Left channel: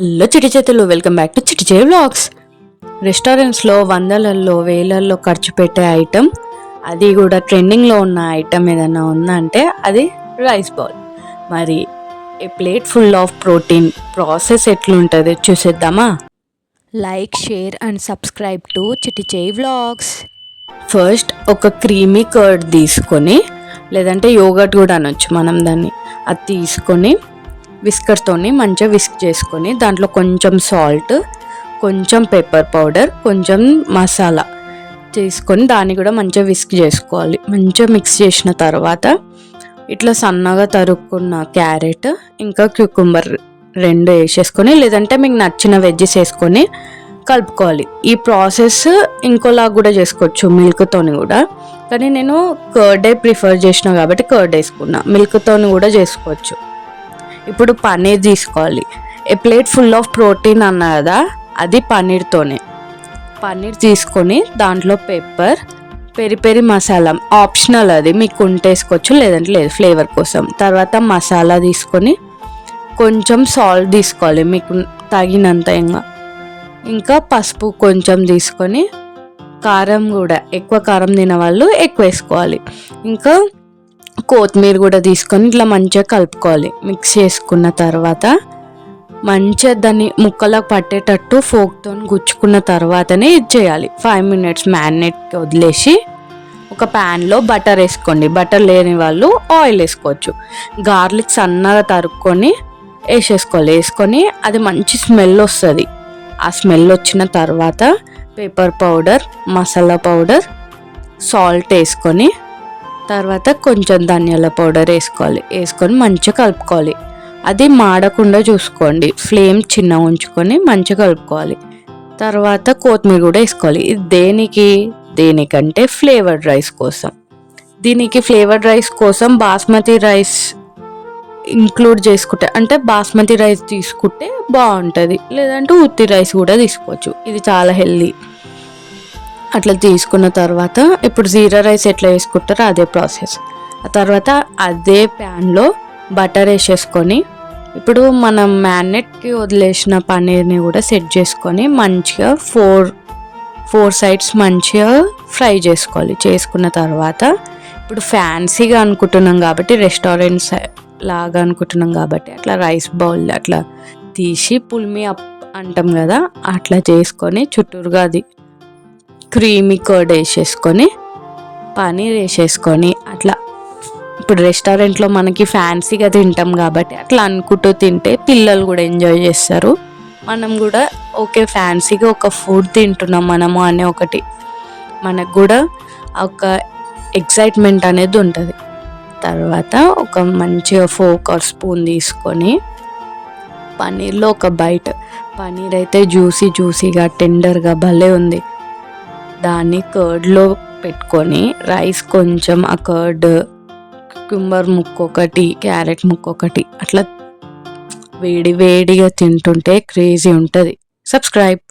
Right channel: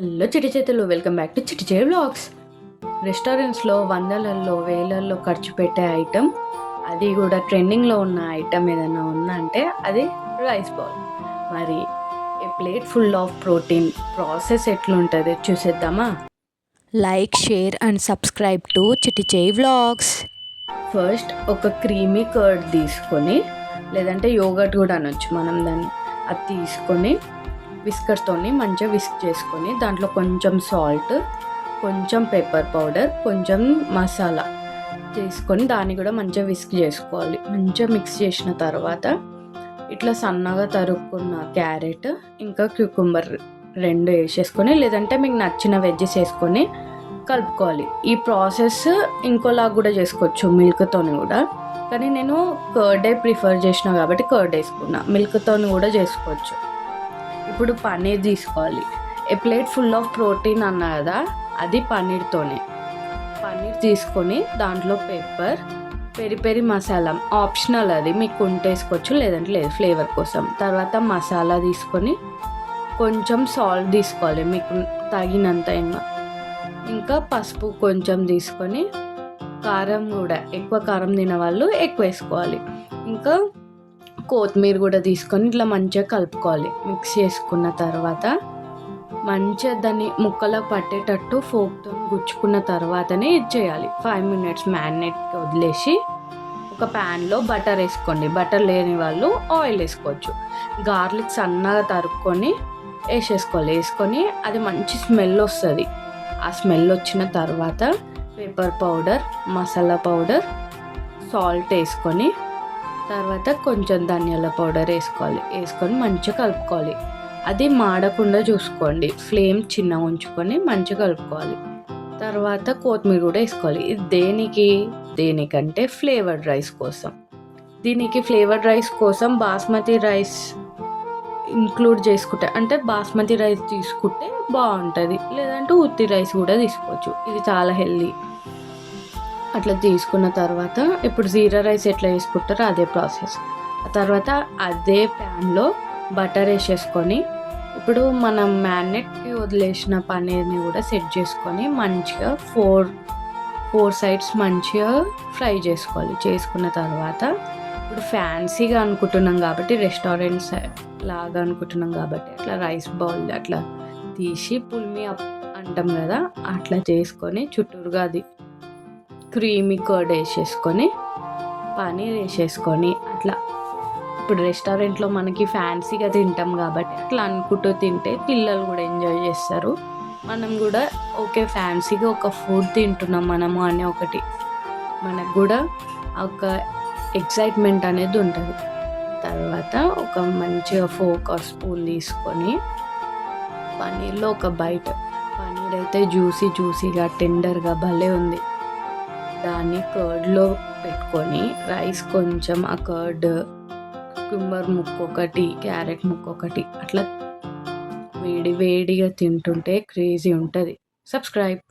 Hello Chitti చేతులు welcome back to చిటి చే బ్లాగ్స్ రెస్టారెంట్స్లో వందలల్లో వేలల్లో ఖర్చు పెట్టే ఐటెం అది కూడా ట్రెండింగ్లో ఉన్న ఐటెం ఏదైనా ఉందంటే అది రైస్ బాల్. మరి a plate full of protein process ఎట్లుంటుంది చూసేద్దామా? Like share and subscribe to Chitti చే వ్లాగ్స్. ఫస్ట్ ఒక క్రీమీ కర్డ్ తీసుకొని లేదంటే యోగట్ కూడా అనొచ్చు మనం దాన్ని. అది తీసుకొని విస్కర్తోని మంచిగా విస్క్ చేసుకొని దాంట్లో కొంచెం సాల్ట్ కొంచెం పెప్పర్ పౌడర్ కొంచెం మసాలా చేసుకొని దాన్ని కూడా మంచిగా విస్క్ చేసుకోవాలి. మంచిగా మిక్స్ చేసిన తర్వాత ఇట్లా సన్నగా తరుక్కున్న క్యారెట్ ఇంకా క్యూకుంబర్ రెండు వేసేసుకొని లేదంటే మీకు నచ్చిన వెజ్జెస్ వేసుకొని కలుపుకోవాలి. ఈ ప్రాసెస్ ఇంకోలా కూడా చేసుకోవచ్చు మిల్క్తోని కూడా. కానీ నేను కర్డే ప్రిఫర్ చేసిన కాబట్టి కర్డ్ వేసుకున్నా. మిల్క్తోని కూడా చేసుకోవచ్చు. ఇప్పుడు పన్నీర్ తీసుకోవాలి. A plate full of protein అన్నా కదా అది పన్నీర్తోనే. పన్నీర్ తీసుకొని దాంట్లో pepper peri peri masala optional అది మీకు ఉంటేసుకోవచ్చు లేదంటే లేదు ఫ్లేవర్ కోసం. తర్వాత మసాలా తీసుకొని కొంచెం సాల్ట్ తీసుకోవాలి మీకు తగినంత ఇంకా. ఇంకా పసుపు కొంచెం తీసుకొని కారం కూడా ఎక్కువ కారం తిన వాళ్ళు ఎక్కువ వేసుకోవాలి. ఇంకా కొత్తిమీర కూడా తీసుకొని ఇట్లా మంచిగా కలుపుకోవాలి. మిక్స్ చేసుకున్న తర్వాత మంచిగా దాన్ని ముక్కలకు పట్టేటట్టు ఫోక్తో గుచ్చుకున్న తర్వాతనే ఇది చేయాలి. ఫైవ్ మినిట్స్ మ్యారినేట్కి వదిలేసి ఒక ప్యాన్లో బటర్ వేసుకోండి. బటర్ లేని వాళ్ళు ఆయిల్ వేసుకోవచ్చు. గార్లిక్ సన్నగా తరుక్కొని వేసేసుకోవాలి. వేసుకొని అది మంచి స్మెల్ వస్తుంది. ఆ స్మెల్ వచ్చిన తర్వాత pepper powder masala powder salt వేసుకొని తర్వాత కొంచెం ధనియాల పౌడర్ వేసుకోవాలి. వేసుకొని మంచిగా కలుపుకోవాలి. అది మాడకుండా చూసుకోండి. ఫ్లేమ్ చిన్న ఉంచుకొని మంచిగా కలుపుకోవాలి. తర్వాత కొత్తిమీర కూడా వేసుకోవాలి. ఇది దేనికి? దేనికంటే ఫ్లేవర్డ్ రైస్ కోసం. దీనికి ఫ్లేవర్డ్ రైస్ కోసం బాస్మతి రైస్ ఇంక్లూడ్ చేసుకుంటే అంటే బాస్మతి రైస్ తీసుకుంటే బాగుంటుంది. లేదంటే ఉత్తి రైస్ కూడా తీసుకోవచ్చు. ఇది చాలా హెల్దీ. అట్లా తీసుకున్న తర్వాత ఇప్పుడు జీరా రైస్ ఎట్లా వేసుకుంటారో అదే ప్రాసెస్. ఆ తర్వాత అదే ప్యాన్లో బటర్ వేసేసుకొని ఇప్పుడు మనం మ్యారినేట్కి వదిలేసిన పన్నీర్ని కూడా సెట్ చేసుకొని మంచిగా ఫోర్ ఫోర్ సైడ్స్ మంచిగా ఫ్రై చేసుకోవాలి. చేసుకున్న తర్వాత ఇప్పుడు ఫ్యాన్సీగా అనుకుంటున్నాం కాబట్టి రెస్టారెంట్స్ లాగా అనుకుంటున్నాం కాబట్టి అట్లా రైస్ బౌల్ అట్లా తీసి పుల్మి అప్ అంటాం కదా అట్లా చేసుకొని చుట్టూరుగా అది క్రీమీ కర్డ్ వేసేసుకొని పనీర్ వేసేసుకొని అట్లా. ఇప్పుడు రెస్టారెంట్లో మనకి ఫ్యాన్సీగా తింటాం కాబట్టి అట్లా అనుకుంటూ తింటే పిల్లలు కూడా ఎంజాయ్ చేస్తారు. మనం కూడా ఓకే ఫ్యాన్సీగా ఒక ఫుడ్ తింటున్నాం మనము అనే ఒకటి. మనకు కూడా ఒక ఎక్సైట్మెంట్ అనేది ఉంటుంది. తర్వాత ఒక మంచిగా ఫోక్ ఆర్ స్పూన్ తీసుకొని పన్నీర్లో ఒక బైట్. పన్నీర్ అయితే జ్యూసీ జ్యూసీగా టెండర్గా భలే ఉంది. దాన్ని కర్డ్లో పెట్టుకొని రైస్ కొంచెం ఆ కర్డ్ కుంబర్ ముక్క ఒకటి క్యారెట్ ముక్క ఒకటి అట్లా వేడి వేడిగా తింటుంటే క్రేజీ ఉంటుంది. సబ్స్క్రైబ్